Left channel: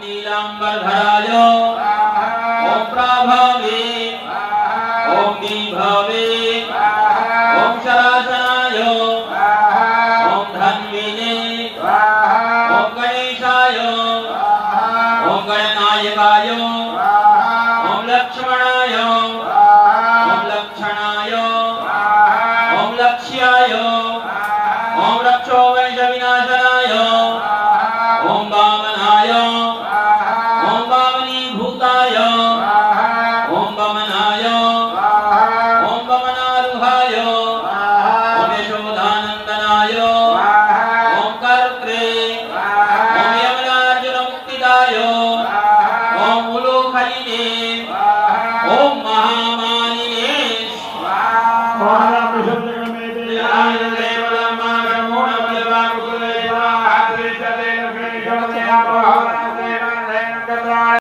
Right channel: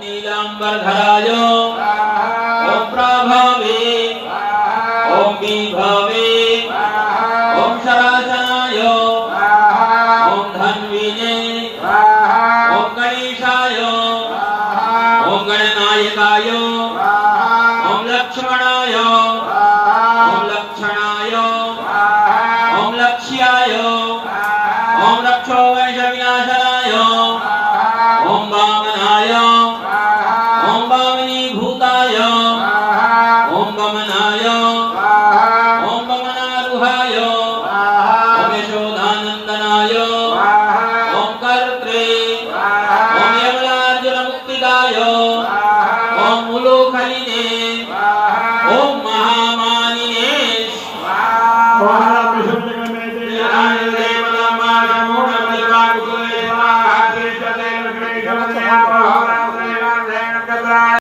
नीलांबरधराय ओम प्रभावे ओम विभवे ओम शराजनाय ओम धन्विने ओम गणेशाय ओम गणनायकाय ओम लक्ष्मणाय ओम लक्षणाय ओम लक्ष्याय ओम रक्षो वैषविनाशनाय ओम वामनाय ओम वामनीभूताय ओम वमनाय ओम वमनारुहाय ओम यशोदानंदनाय ओम कर्त्रे ओम यमलार्जुनमुक्तिदाय ओम उलोखलिने ओम महामानिने